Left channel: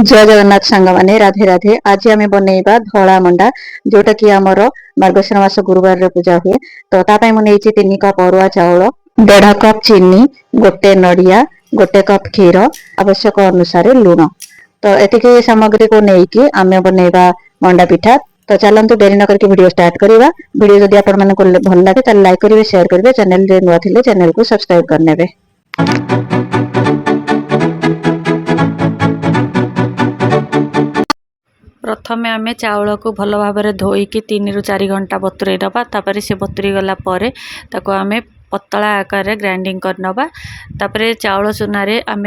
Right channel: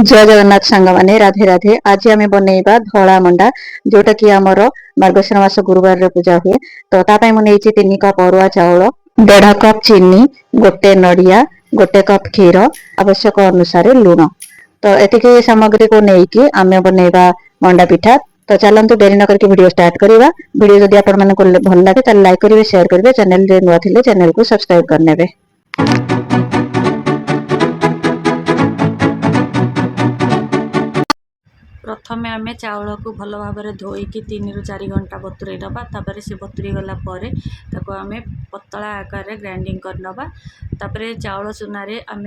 जय जगन्नाथ सांग माने राधे राधे। आज आम बनइबा धला मंडा जोटा कि आमर मार्गशीर मास गुरुवार पूजा हुए। तो तापाई मुझे 3 कप अरुआ चाउल, 1.5 कप चीनी, गोटे नड़िया, गोटे कप क्षीर, आवश्यक अनुसार लुण। तो एतिक सामग्री को लेकिन आम बनइबा मंडा पिठा। तो चलतु डेरी न करके वीडियो स्टार्ट करवा। वीडियो जदि आपण माने भल लगे तो लाइक करेंगे, शेयर करेंगे, चैनल रे नुआ थिले चैनल को सब्सक्राइब करनेबे। प्रथमे आम चाउल को भल भाव धोईकी 3 ରୁ 4 घंटा बतुरई नवा। तापर से बतुरी गला परे ताको आम पतला आकार ग्राइंडिंग कर नवा। तापर चाउल चूना रे आम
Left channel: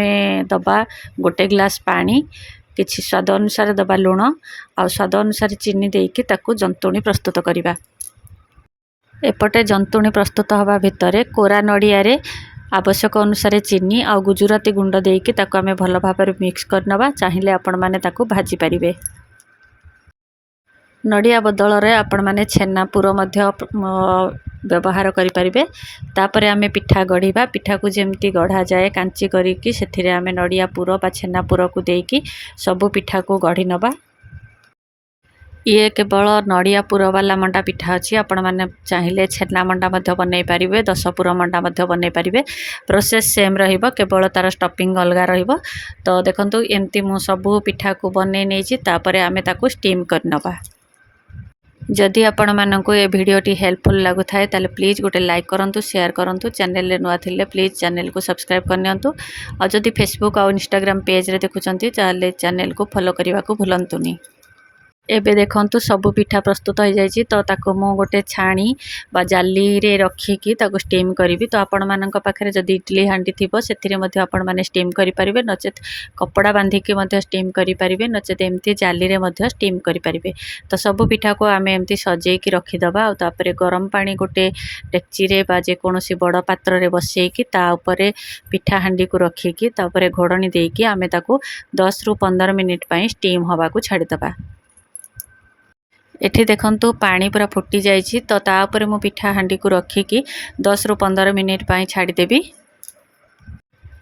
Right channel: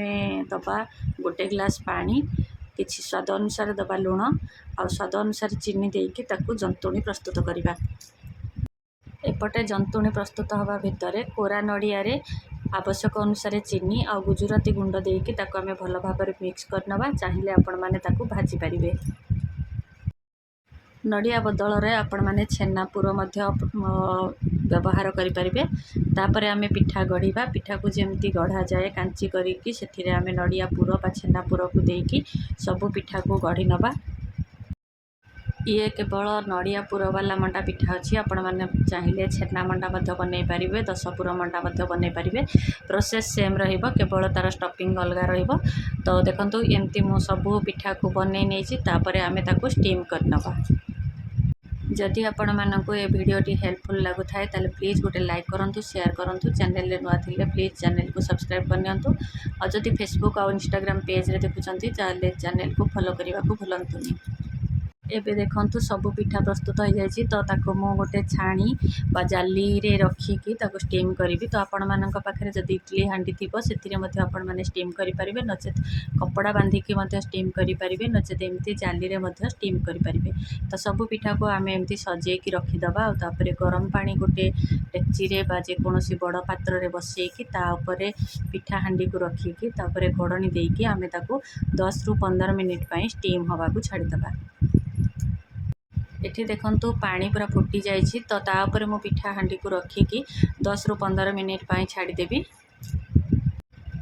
दबा 1 ग्लास पानी, किछि स्वाद अनुसार दबा लुण आ स्वाद अनुसार चीनी देकी ताको जंतुणी प्रस्तुत करिबा। एपटे जंतुणी प्रस्तुत हवा भितरे कोरा नड़िया रे आवश्यक अनुसार चीनी आ गुजराती गुंड देकी ताको आम भल भाव मिक्स कर नवा। चाहिए आपण माने ताको भाजी पारिबे। नड़िया बदल रे आपण माने छेना पुर मध्य व्यवहार करें। तापर आम पिठा गढ़ा। पिठा को जमती गढ़ा जाए कांची करिकी सेथिरे आम नड़िया पुर बा छेना पुर को देकी सबु पिठा को गढ़ी नवा। ये केवल नड़िया पुर वाला मंडा पिठा अच्छी। आपण मैंने चाहिए छेना मंडा बनई पारे, 10 पुर मंडा बनई पारे। प्रोसेस सेम रहिबो, केवल तार स्टफिंग अलग रहिबो। तो देखंतु एमती मु सबु पिठा को बनई नेछि। तापर आमे ताको स्टीम कर नवा। जदि आपण मानक ये भिडियोटी हेल्पफुल लगु थाए ताले प्लीज गोटे लाइक करंतु, शेयर करंतु, चैनल रे नुआ थिले प्लीज चैनल को सब्सक्राइब करनियंतु। और जदि फेसबुक और इंस्टाग्राम पेज रे देखुचंती ताले चैनल को फॉलो करने को भूलंतुनी। एबे देखंतु सबु पिठा प्रस्तुत हो जाइए। तो ताको मो गोटे छाणी बा जाली रे रखिकी ताको स्टीम करी। तो आपण मानक पाखरे जदि इडली हांडी थिबो सेथिरे मध्ये आपण माने स्टीम करि परिबे, नचेत कपड़ा बांधिकी मध्ये स्टीम करि परिबे, नचेत एमती जाली रे मध्ये स्टीम करि परिबे। तो सबु पिठा को आमे एमती सजेकी रखि दबा। और तापरे गरम पानी गोटे डेक्ची रे बा जे कोनोसी बड़ पात्र रे बसेकी ता ऊपर पिठा हांडी को रखिकी तापरे घोड़नी देकी आमे ताको 10 ରୁ 15 मिनिट पई स्टीम हवा को छाड़ी दबा। एठी देखंतु पानी पूरा फुटी जाइछि। तो ता ऊपर मु पिठा हांडी को रखिकी 10 ରୁ 15 मिनिट पई छाड़ी देबी।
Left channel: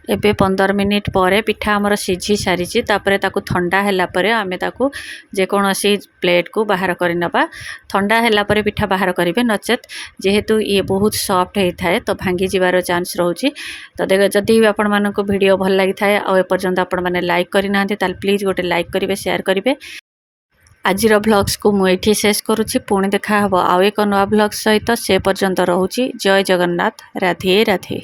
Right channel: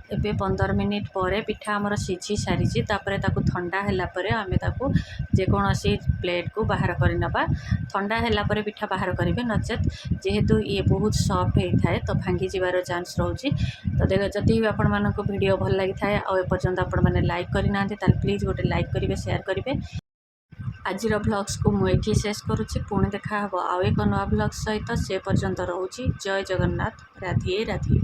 एबे 15 मिनिट परे पिठा हमर सिझी सारिछि। तापरे ताकू ठंडा हैला परे आमे ताकू जे कोनोसी प्लेट को बाहर करि नबा। ठंडा हैला परे पिठा बाहर करिवे, नचेत जेहेतु ये बहुत सॉफ्ट हे थाए तो भांगी जिवार चांस रहउछि। तो देखो जदि आपण मानको वीडियो भल लागि थाए आ ए पर्यंत आपण माने लाइक करि नाहंती ताल प्लीज गोटे लाइक करिवे, शेयर करिवे। आजिर व्लॉग्स को मुझे ये शेष करुच्ची। पुणी देखा हबो आउ एक नवा व्लॉग्स सहित। से पर्यंत रहूची। जय जगन्नाथ। राधे राधे।